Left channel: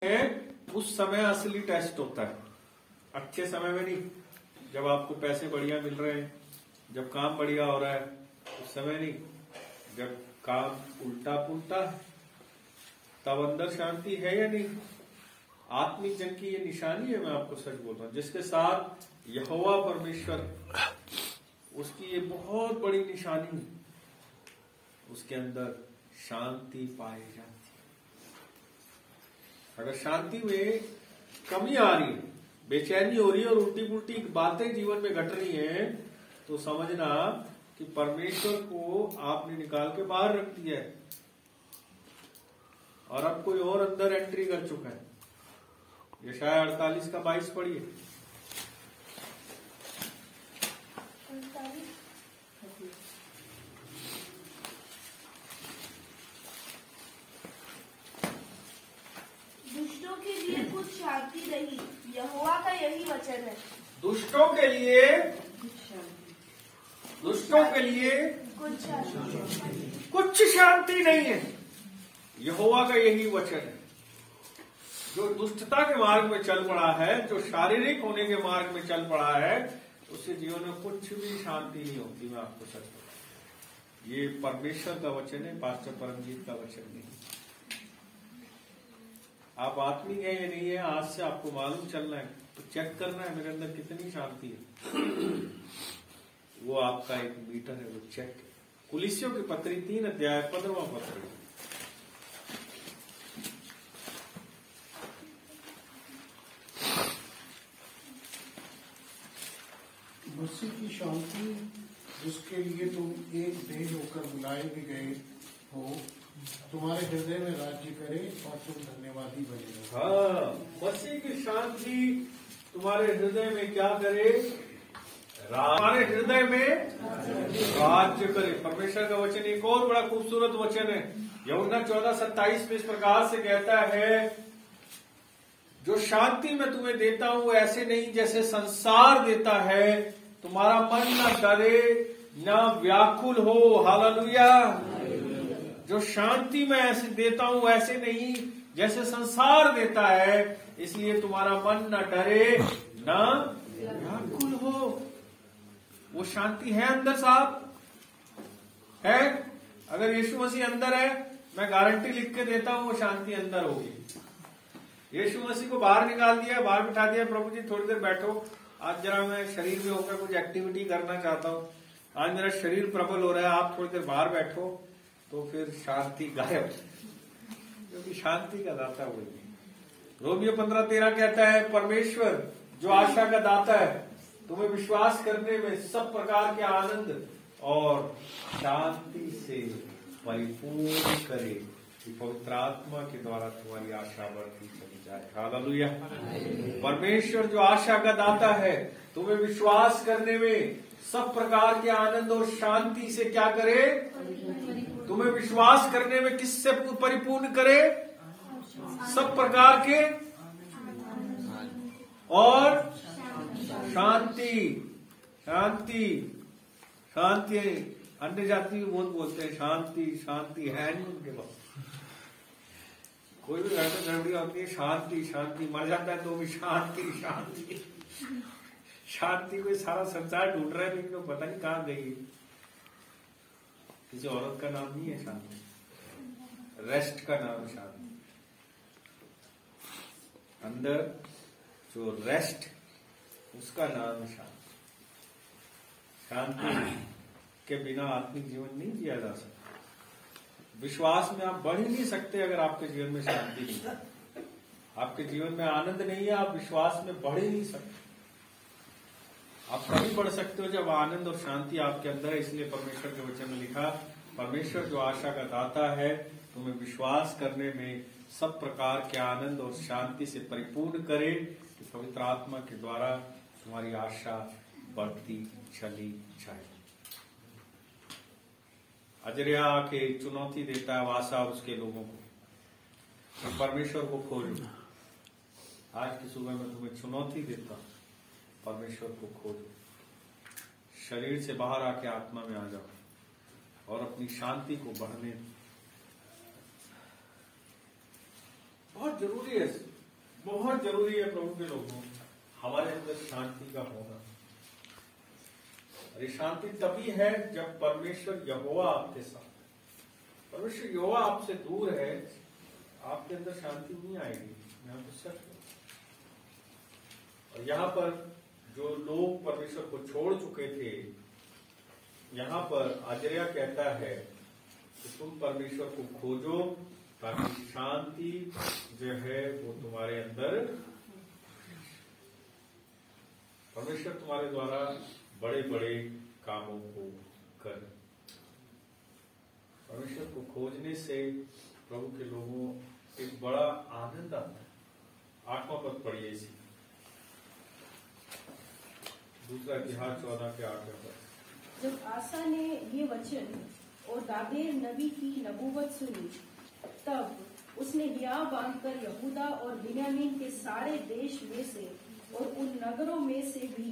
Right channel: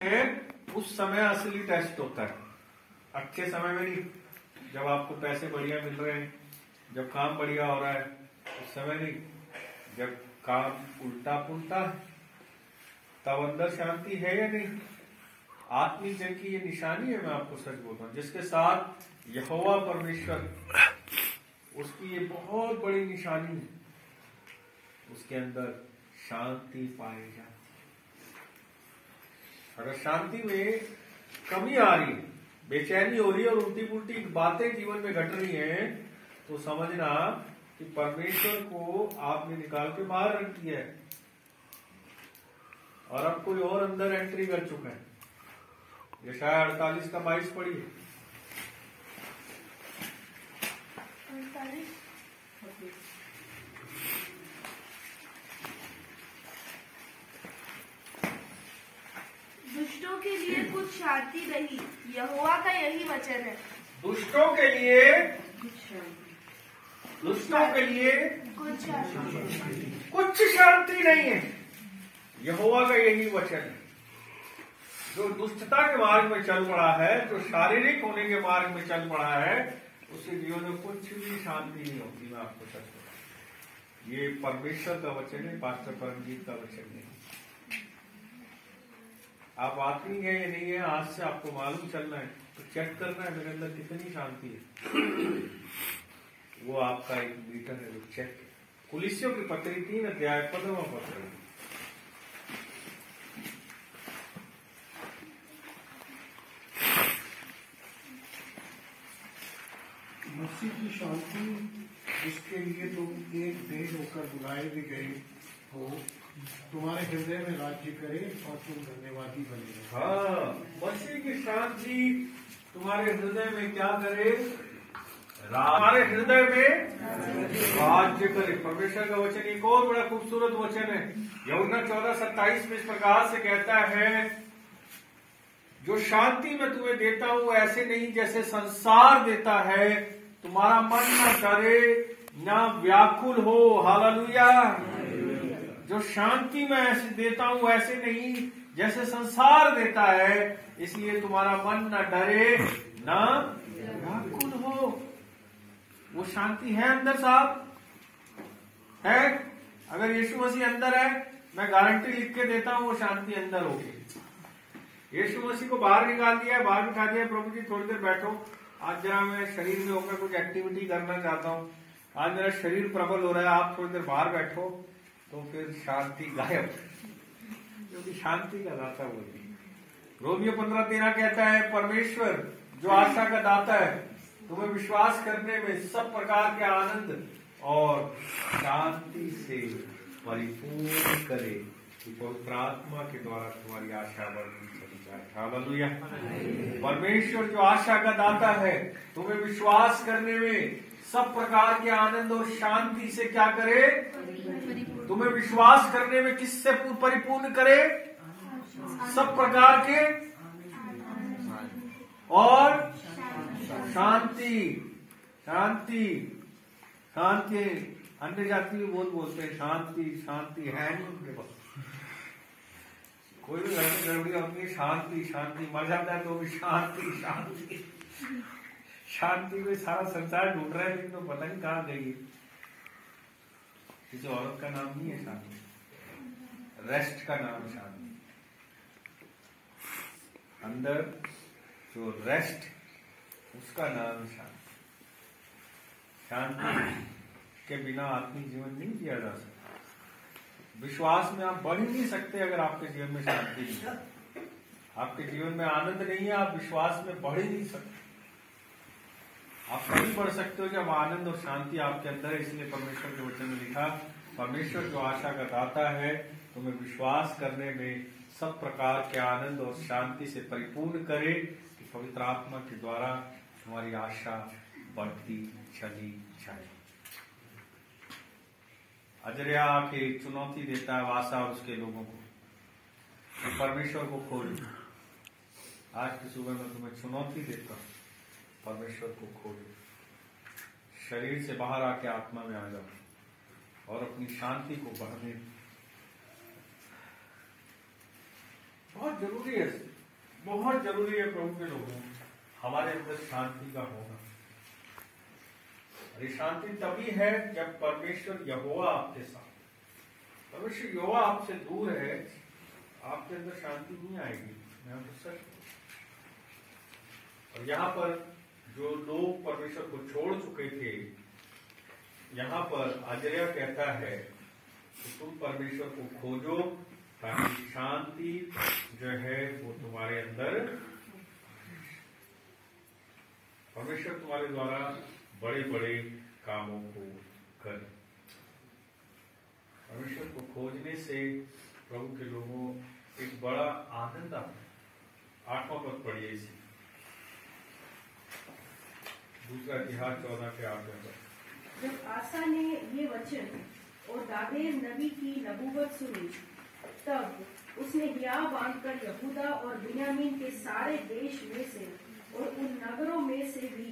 है उस समय असली टेस्ट होता है। अच्छे समय में नहीं, जब आपको पैसे बढ़िया मिल रहे हैं, जब काम बढ़िया हो रहा है, उस समय नहीं। जब काम उल्टा पुल्टा तब अंदर शांति है या नहीं। आत्मिक जन की ये निशानी है, मैं आपको सच बोलता हूँ। जिसके साथ यहोवा परमेश्वर, उसकी ये बहुत बड़ी निशानी है, उसके अंदर शांति पाई जाती है। अगर शांति में कमी आ रही है, बेचैनी हो रही है और उल्टी पुल्टी बातें जीवन में घट रही हैं, तो समझना कि परमेश्वर को आपने निकाल के बाहर रख दिया है और अब कोई और अंदर एंट्री कर चुका है। यशायाह 48 का 22 पढ़िए। दुष्टों के लिए कुछ शांति नहीं, यहोवा का यही वचन है। दुष्टों के लिए कुछ शांति नहीं है, यहोवा का यही वचन है। जो दुष्टता के मार्ग में चल पड़ा है, जो शारीरिक होने के मार्ग में चल पड़ा है, उसके जीवन में कुछ भी शांति नहीं होती। मैं आपको सच बताऊं, ये परमेश्वर का वचन है, पास्टर परमजीत का वचन नहीं। आप आत्मिक है या नहीं है, आज से आपको मालूम चलना है, तो चेक करना है मेरे अंदर कितनी शांति है। वो आपका एक मीटर है, वो चेक। कुलिस्सियों की पत्री 3 अध्याय 15वां पत्र। मसीह की शांति, जिसके लिए तुम एक देह होकर बुलाए भी गए हो, तुम्हारे हृदय में राज्य करे और तुम धन्यवादी बने। हाँ, मसीह की शांति तुम्हारे हृदय में क्या करे? हमारे हृदय में राज्य करे। परमेश्वर का वचन एक और बड़ा खूबसूरत वचन है। यूहन्ना 14:27 में इस प्रकार से कहता है, जो शांति मैं तुम्हें देता हूं ऐसे नहीं जैसे संसार देता है, तुम्हारा मन न डरे न व्याकुल हो। हालेलुया। जो शांति मैं ऐसे देता हूं ऐसे नहीं जैसे संसार देता है, इसलिए तुम्हारा मन न डरे न व्याकुल हो। वो शांति है अंदर साहब, है। अगर यीशु मसीह अंदर है, मैं गारंटी लिख के देता हूं वो शांति अंदर होगी। यीशु मसीह को बाहर निकाल दिया, बाहर बिठा दिया, प्रभु जी थोड़ी देर बैठो, आज जरा मैं शरीर में होकर कुछ एक्टिविटी करना चाहता हूँ, आज मेरा शरीर प्रबल हो रहा है, आप थोड़ी देर बाहर बैठो, तो फिर शांति गायब। क्योंकि शांति का दाता वही है। रोमियो 15:13 कहता है, परमेश्वर जो आशा का दाता है, तुम्हें विश्वास करने में सब प्रकार के आनंद और शांति से परिपूर्ण करे, कि पवित्र आत्मा के द्वारा तुम्हारी आशा बढ़ती चली जाए। हालेलुया। परमेश्वर जो आशा का दाता है, तुम्हें विश्वास करने में सब प्रकार के आनंद और शांति से क्या करे? तुम्हें विश्वास करने में किससे परिपूर्ण करे? सब प्रकार के और शांति। शांति शांति अन्य जाति भी बहुत बोलते हैं शांति शांति, है नहीं उनके पास। कोई भी लड़का लड़कियां होती है शांति शांति, मर जाता है तो भी शांति शांति। शांति में सारा संसार ढूंढ रहा है, लेकिन तो पता नहीं कहाँ गई। किसी औरत का नाम नहीं है शांति, रेस्ट का नाम शांति। अंदर जो रेस्ट, उसका नाम शांति। शांति के बिना आत्मिक जीवन नहीं जिया जा सकता। विश्वास में आप बढ़ ही नहीं सकते अगर आपके जीवन में शांति नहीं है। आपके जीवन में आनंद नहीं है, आप विश्वास में बढ़ ही नहीं सकते। आप तभी बढ़ सकते हो जब आनंद और शांति आपके अंदर है। इसलिए परमेश्वर के वचन में लिखा, परमेश्वर जो आशा का दाता है, तुम्हें विश्वास करने में सब प्रकार के आनंद और शांति से परिपूर्ण करे, कि पवित्र आत्मा के द्वारा तुम्हारी आशा बढ़ती चली जाए। अजरिया आके चुनौती देता है वासा और उसके लोगों को, तो परमेश्वर को खोजो। आज की सुबह में तुम्हें चुनौती देता हूं, परमेश्वर को खोजो। शरीर से बाहर आके आत्मा में आ जाओ और अपनी शांति को बढ़ने। बहुत जरूरी है। बहुत जरूरी है प्रभु के लोगों, हमारे अंदर शांति का होना। अरे शांति तभी है जब परमेश्वर यहोवा आपके साथ, परमेश्वर यहोवा आपसे दूर है, आपके अंदर शांति नहीं आएगी। मैं आपको सच कहूं। और यहाँ पर जो लोग परमेश्वर को छोड़ चुके थे, यहाँ पर आजर्या कहता है कि तुम परमेश्वर को खोजो ताकि शांति जो है वो तुम्हारे अंदर, परमेश्वर तुम्हारे द्वारा बड़े बड़े कामों को करे। परमेश्वर को खोजने से प्रभु के लोगों एक बड़ा आनंद आता है। 8वां पद पढ़िए इसी, दूसरा इतिहास 14 के 8 पद। जब आसा ने ये वचन और गादेर नबी की नबूवत सुनी, तब उसने हियाव बांधकर यहूदा और बिन्यामीन के सारे देश में से और उन नगरों में से भी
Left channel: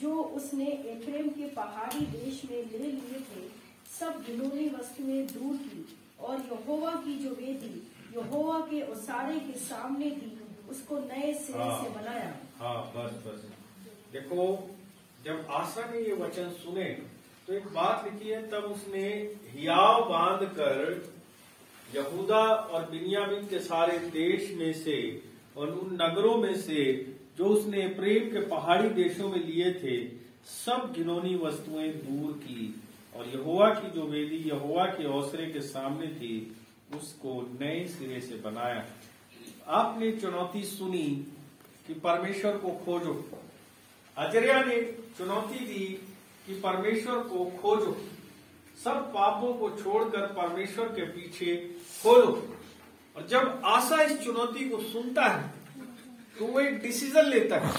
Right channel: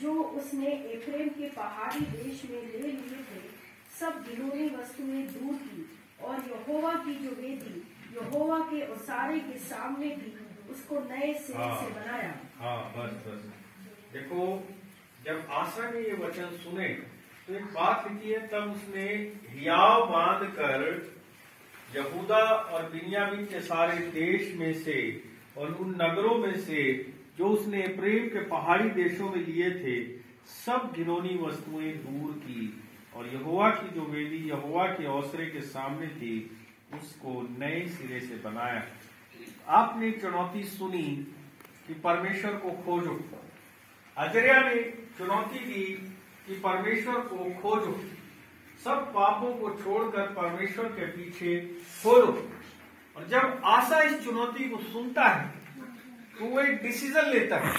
जो उसने एफ्रेम के पहाड़ी देश में ले लिए थे, सब घिनौनी वस्तुएं दूर की और यहोवा की जो वेदी यहोवा के ओसारे के सामने थी, उसको नए सिरे से बनाया। हाँ, बस देखो, जब आसा ने ये वचन सुने तो एक बात लिखी है, तब उसने हियाव बांध कर यहूदा और बिन्यामीन के सारे देश में से और उन नगरों में से जो उसने एफ्रेम के पहाड़ी देशों में लिए थे, सब घिनौनी वस्तुएं दूर की और यहोवा की जो वेदी यहोवा के ओसरे के सामने थी, उसको नए सिरे से बनाया। आपने चुनौती सुनी कि परमेश्वर को खोजो। अजर्या ने चुनौती दी कि परमेश्वर को खोजो, सब पापों को छोड़कर परमेश्वर के पीछे खोलो। और जब आसा इस चुनौती को सुनता है तो वो एक डिसीजन लेता है।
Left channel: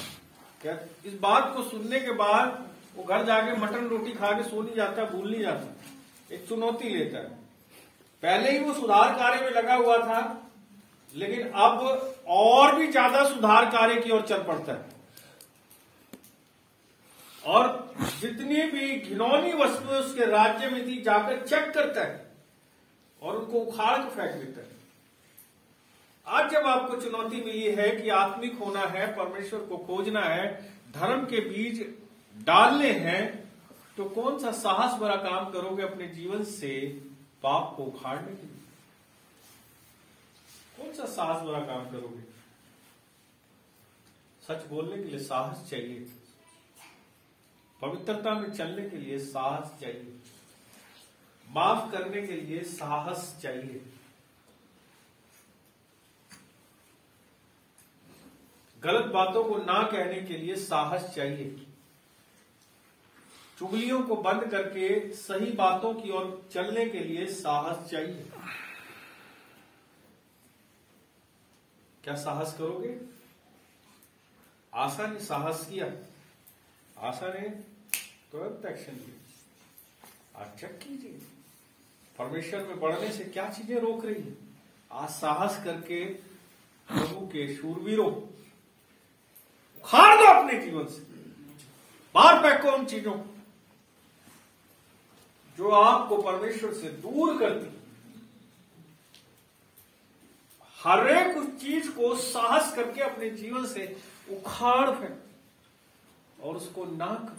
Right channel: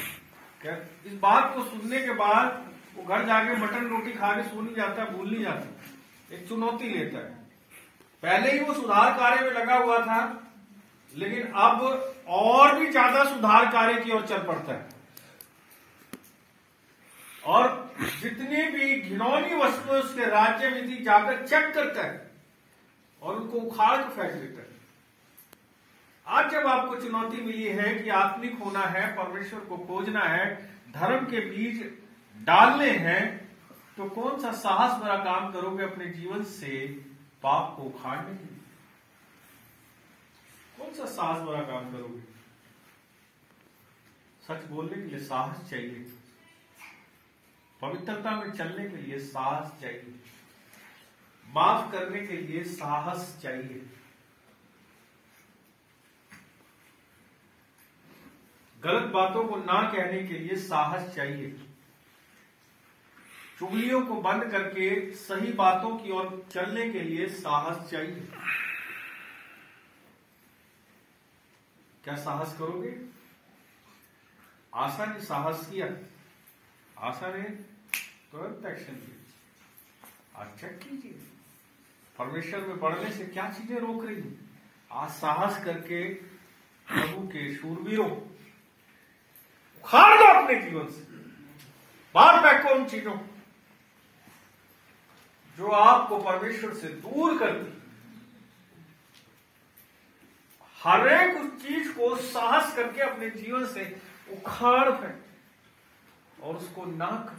क्या इस बात को सुनने के बाद वो घर जाके मटन रोटी खा के सो नहीं जाता, भूल नहीं जाता, एक चुनौती लेता है। पहले ही वो सुधार कार्य में लगा हुआ था, लेकिन अब और भी ज्यादा सुधार कार्य की ओर चल पड़ता है और जितनी भी घिनौनी वस्तुएं उसके राज्य में थी जाकर चेक करता है और उनको उखाड़ के फेंक देता है। आज जब आपको चुनौती मिली है कि आत्मिक होना है, परमेश्वर को खोजना है, धर्म के बीज डालने हैं, तो कौन सा साहस भरा काम करोगे अपने जीवन से पाप को उखाड़ने के लिए? कौन सा साहस भरा काम करोगे? सच बोलने के लिए साहस चाहिए, पवित्रता में चलने के लिए साहस चाहिए, माफ करने के लिए साहस चाहिए, गलत बातों को ना कहने के लिए साहस चाहिए, चुगलियों को बंद करके सही बातों की ओर चलने के लिए साहस चाहिए। क्या साहस करोगे? आसा ने साहस किया, आसा ने तुरंत एक्शन लिया। आप चेक कीजिए परमेश्वर में बढ़ने से क्या चीजें रोक रही है। आज साहस करके प्रभु के शूरवीरों उखाड़ दो अपने जीवन से, बाहर फेंको उन चीजों जो आपको परमेश्वर से दूर करती। हर एक उस चीज को साहस करके अपने जीवन से उखाड़ फेंक और उसको ना कर।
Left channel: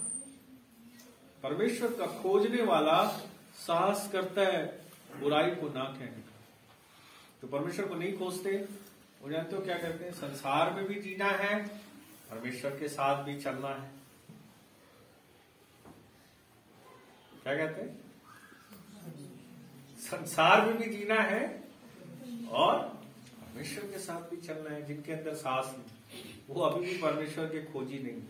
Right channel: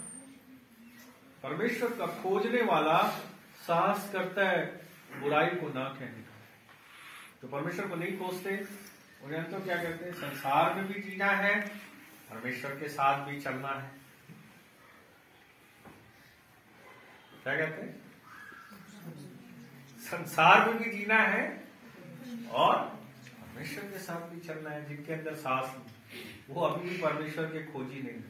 परमेश्वर का खोजने वाला साहस करता है बुराई को ना कहने का। तो परमेश्वर को नहीं खोजते उन्हें तो क्या कहते हैं, संसार में भी जीना है, परमेश्वर के साथ भी चलना है। क्या कहते हैं? संसार में भी जीना है और परमेश्वर के साथ भी चलना है। जिनके अंदर साहस नहीं, वो अभी भी परमेश्वर के खोजी नहीं,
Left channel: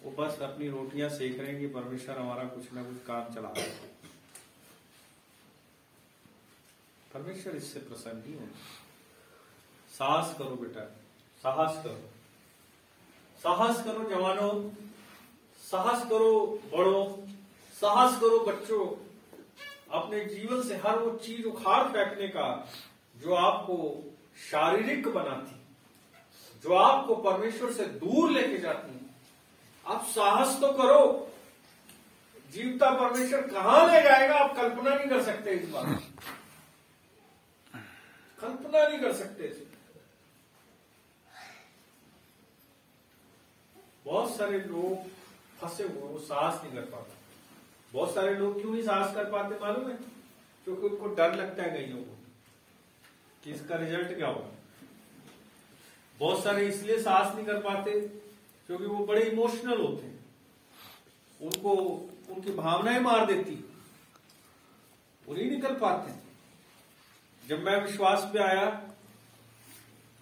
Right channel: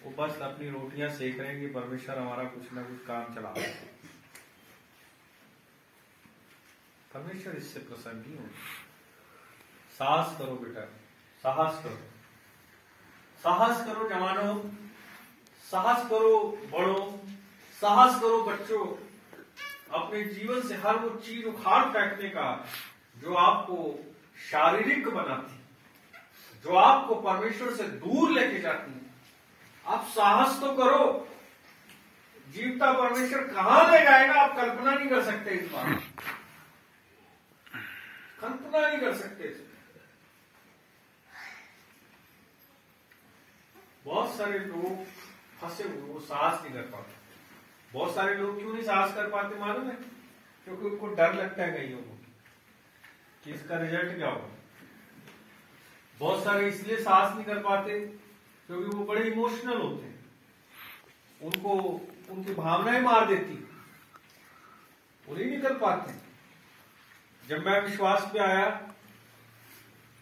वो बस अपनी रोटियां सेक रहे हैं कि परमेश्वर हमारा कुछ ना कुछ काम चला रहा है। परमेश्वर इससे प्रसन्न नहीं हो। साहस करो बेटा, साहस करो, साहस करो जवानों, साहस करो बड़ों, साहस करो बच्चों, अपने जीवन से हर वो चीज उखाड़ फेंकने का जो आपको शारीरिक बनाती, जो आपको परमेश्वर से दूर लेके जाती है। आप साहस तो करो। जीवता परमेश्वर कहां ले जाएगा आप कल्पना नहीं कर सकते। इस बात कल्पना नहीं कर सकते। बहुत सारे लोग फंसे हुए, वो साहस नहीं कर पाते। बहुत सारे लोग क्यों नहीं साहस कर पाते मालूम है? क्योंकि उनको डर लगता है कईयों को कि इसका रिजल्ट क्या होगा। बहुत सारे इसलिए साहस नहीं कर पाते क्योंकि वो बड़े इमोशनल होते हैं, उनको उनकी भावनाएं मार देती, वो नहीं निकल पाते। जब मैं विश्वास पे आया,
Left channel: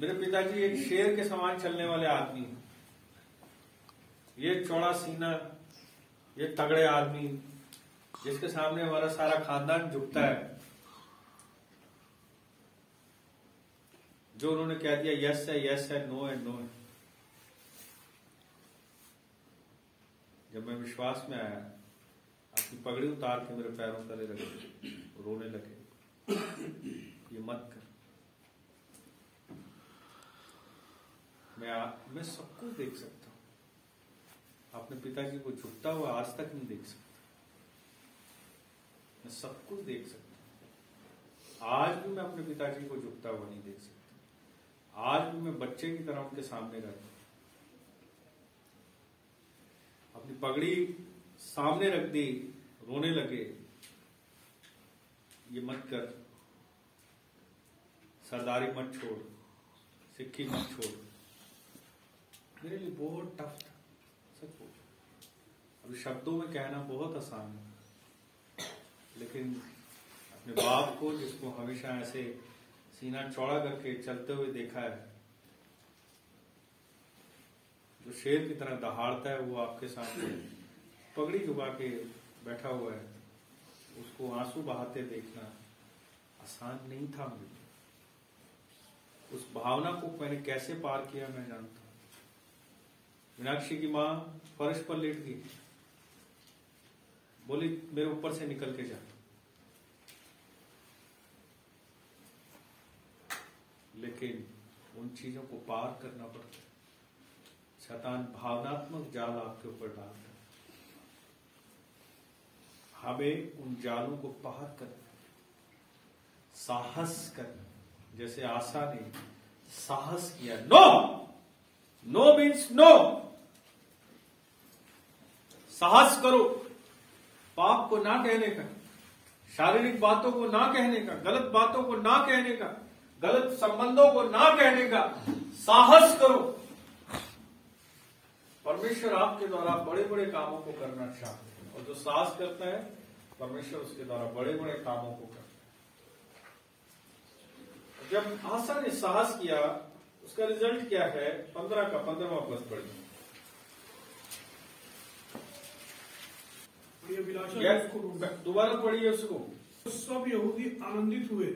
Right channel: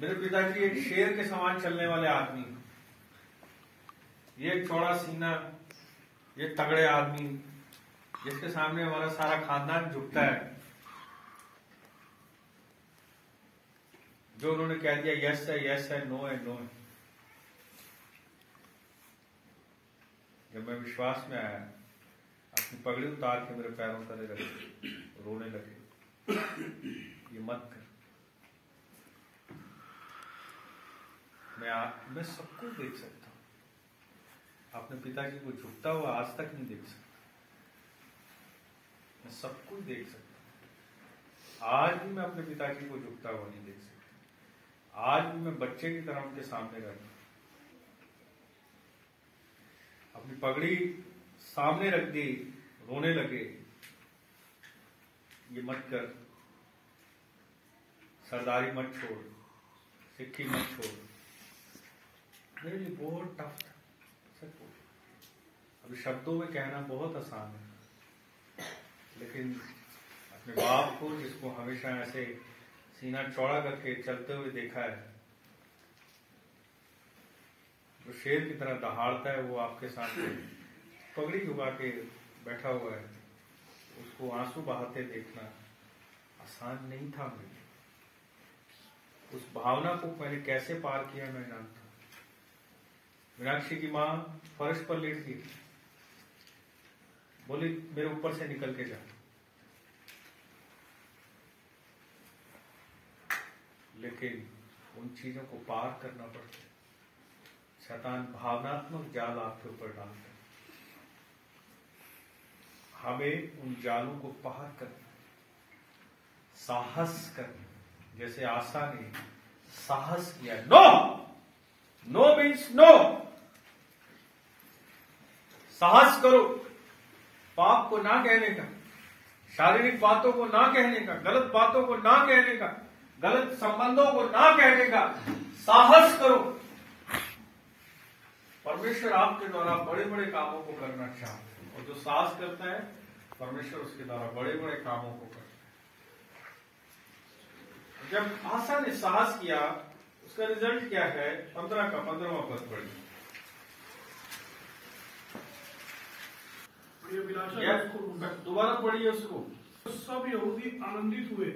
मेरे पिताजी एक शेर के समान चलने वाले आदमी, ये चौड़ा सीना, ये तगड़े आदमी जिसके सामने हमारा सारा खानदान झुकता है, जो उन्होंने कह दिया यस है नो है नो है। जब मैं विश्वास में आया, अपनी पगड़ी उतार के मेरे पैरों तले रखे, रोने लगे, ये मत कर। मैं सब कुछ देख सकता हूं, अपने पिताजी को झुकता हुआ आज तक नहीं देख सकता। मैं सब कुछ देख सकता हूं, आज भी मैं अपने पिताजी को झुकता हुआ नहीं देख सकता। आज भी मैं बच्चे की तरह उनके सामने रहता हूं, अपनी पगड़ी सामने रख दी, रोने लगे, ये मत कर, सरदारी मत छोड़, सिक्की मत छोड़। मेरे लिए बहुत टफ था, सच बोल। अभी शब्दों में कहना बहुत आसान है, लेकिन अपने बाप को, जिसको हमेशा ऐसे सीना चौड़ा करके चलते हुए देखा है, जो शेर की तरह दहाड़ता है, वो आपके सामने पगड़ी झुका के बैठा हुआ है, उसको आंसू बहाते देखना आसान नहीं था मेरे लिए। उस भावना को मैंने कैसे पार किया मैं जानता हूं। मीनाक्षी की मां फर्श पर लेट गई, बोली मेरे ऊपर से निकल के जा। लेकिन उन चीजों को पार करना पड़ता है। शैतान भावनात्मक जाल आपके ऊपर डालता है, हमें उन जालों को पार करना, साहस करना। जैसे आशा ने साहस किया, नो, नो मीन्स नो। साहस करो, पाप को ना कहने का, शारीरिक बातों को ना कहने का, गलत बातों को ना कहने का, गलत संबंधों को ना कहने का साहस करो। परमेश्वर आपके द्वारा बड़े बड़े कामों को करना चाहते हैं, और जो साहस करता है परमेश्वर उसके द्वारा बड़े बड़े कामों को करता है। जब आशा ने साहस किया, उसका रिजल्ट क्या है? 15 का 15वां पद पढ़िए। दोबारा पढ़िए उसको। सब यहूदी आनंदित हुए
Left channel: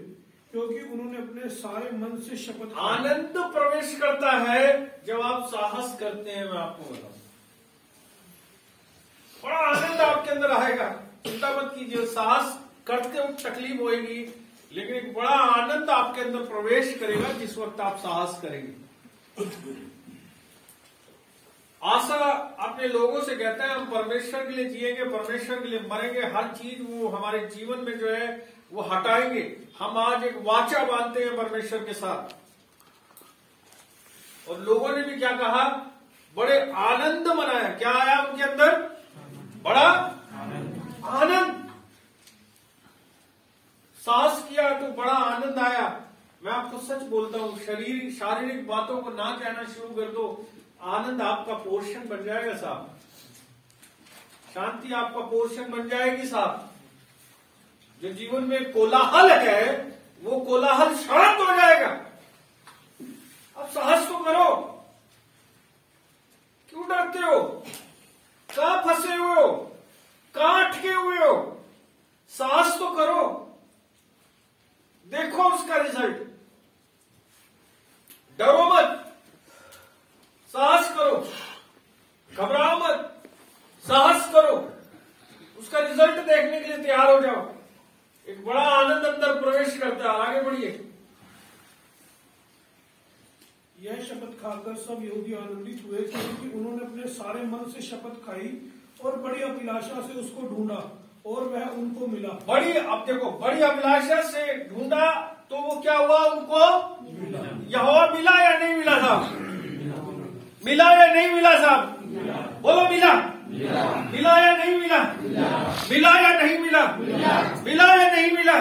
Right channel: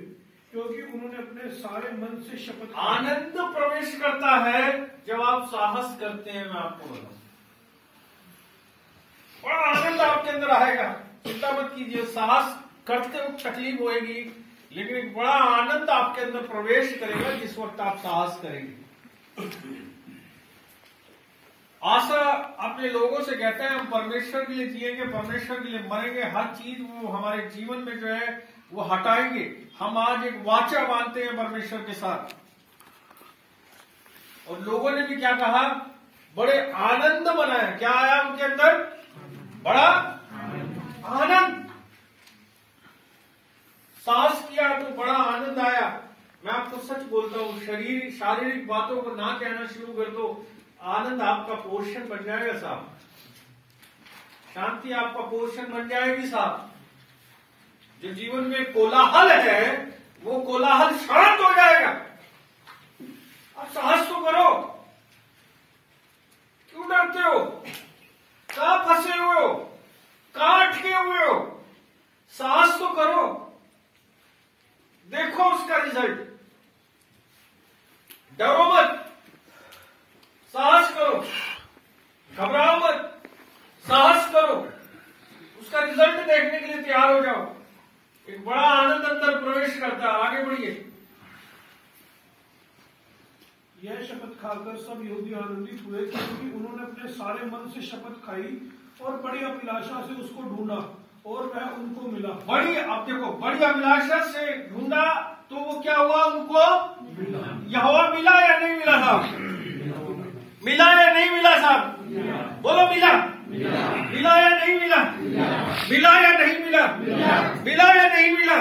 क्योंकि उन्होंने अपने सारे मन से शपथ की। आनंद प्रवेश करता है जब आप साहस करते हैं। मैं आपको बताऊं, बड़ा आनंद आपके अंदर आएगा। चिंता मत कीजिए, साहस करते वक्त तकलीफ होएगी, लेकिन एक बड़ा आनंद आपके अंदर प्रवेश करेगा जिस वक्त आप साहस करेंगे। आशा अपने लोगों से कहता है हम परमेश्वर के लिए जिएंगे, परमेश्वर के लिए मरेंगे, हर चीज वो हमारे जीवन में जो है वो हटाएंगे। हम आज एक वाचा बांधते हैं परमेश्वर के साथ। और लोगों ने भी क्या कहा? बड़े आनंद मनाया। क्या आया उनके अंदर? बड़ा आनंद। साहस किया तो बड़ा आनंद आया। मैं आपको सच बोलता हूं, शारीरिक बातों को ना कहना शुरू कर दो, आनंद आपका पोषण बन जाएगा साहब। शांति आपका पोषण बन जाएगी साहब। जो जीवन में कोलाहल है वो कोलाहल शांत हो जाएगा। अब साहस तो करो, क्यों डरते हो? कहां फंसे हुए हो? कहां अटके हुए हो? साहस तो करो, देखो उसका रिजल्ट। डरो मत, साहस करो, घबराओ मत, साहस करो, उसका रिजल्ट देखने के लिए तैयार हो जाओ। एक बड़ा आनंद अंदर प्रवेश करता है। आगे बढ़िए। यह शपथ खाकर सब यहूदी आनंदित हुए क्योंकि उन्होंने अपने सारे मन से शपथ खाई और बड़ी अभिलाषा से उसको ढूंढा और वह उनको मिला। अब देखो, बड़ी अभिलाषा से ढूंढा तो वो क्या हुआ? उनको यहोवा मिला या नहीं मिला था? मिला या नहीं मिला साहब? बोलो मिला। मिला या नहीं मिला? मिला या नहीं मिला? मिला या नहीं मिला?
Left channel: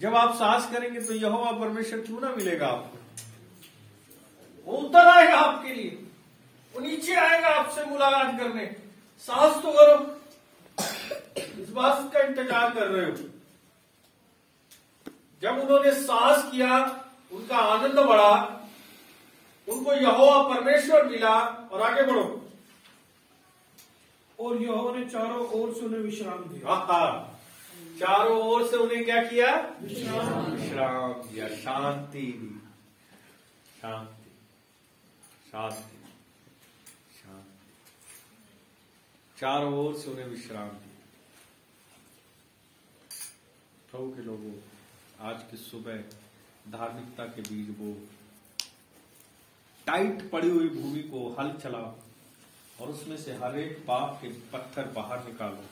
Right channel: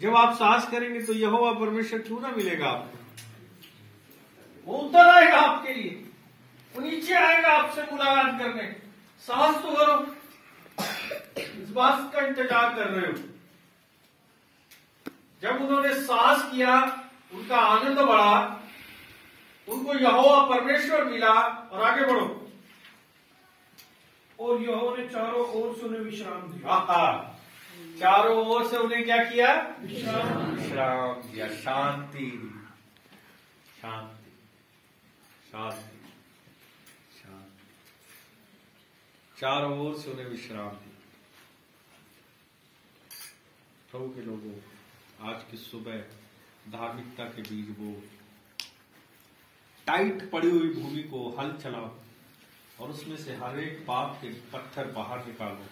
जब आप साहस करेंगे तो यहोवा परमेश्वर क्यों ना मिलेगा आपको? वो उतर आएगा आपके लिए, वो नीचे आएगा आपसे मुलाकात करने। साहस तो करो, इस बात का इंतजार कर रहे हो। जब उन्होंने साहस किया, उनका आनंद बढ़ा, उनको यहोवा परमेश्वर मिला। और आगे बढ़ो। और यहोवा ने चारों ओर से उन्हें विश्राम दिया। चारों ओर से उन्हें क्या किया? विश्राम दिया, शांति दी, शांति शांति शांति। चारों ओर से उन्हें विश्राम दिया। प्रभु के लोगों, आज की सुबह धार्मिकता के बीज बो, टाइट पड़ी हुई भूमि को हल चलाओ और उसमें से हर एक पाप के पत्थर बाहर निकालो।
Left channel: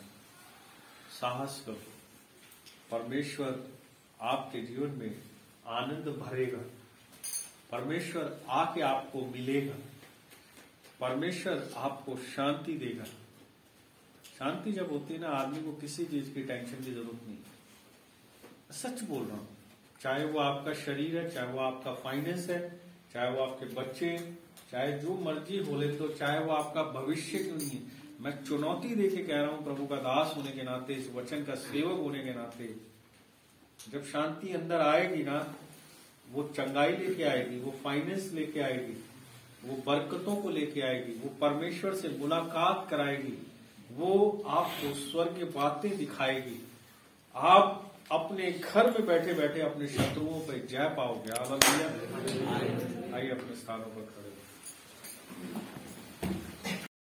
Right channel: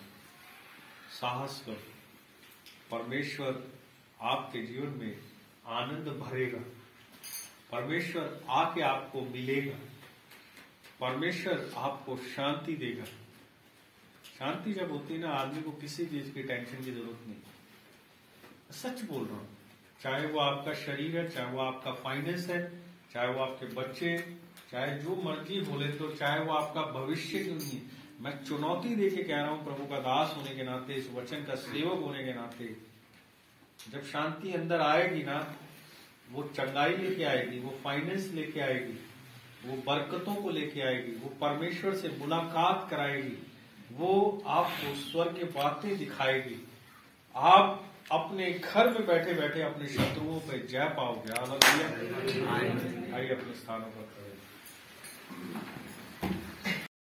साहस करो, परमेश्वर आपके जीवन में आनंद भरेगा। परमेश्वर आके आपको मिलेगा। परमेश्वर आपको शांति देगा। शांति जब होती है ना, आदमी को किसी चीज की टेंशन की जरूरत नहीं। सच बोल रहा हूं, चाहे वो आपका शरीर है, चाहे वो आपका फाइनेंस है, चाहे वो आपके बच्चे, चाहे जो मर्जी बोले तो, चाहे वो आपका भविष्य क्यों नहीं। मैं चुनौती देके कह रहा हूं, प्रभु का दास होने के नाते, इस वचन का सेवक होने के नाते, जब शांति अंदर आएगी ना, वो चंगाई लेके आएगी, वो फाइनेंस लेके आएगी, वो बरकतों को लेके आएगी, वो परमेश्वर से मुलाकात कराएगी, वो आपको स्वर्ग की बातें दिखाएगी। आप अपने घर में बैठे बैठे अपने शत्रुओं पर जय पाओगे। आइए अपने स्थानों पर खड़े।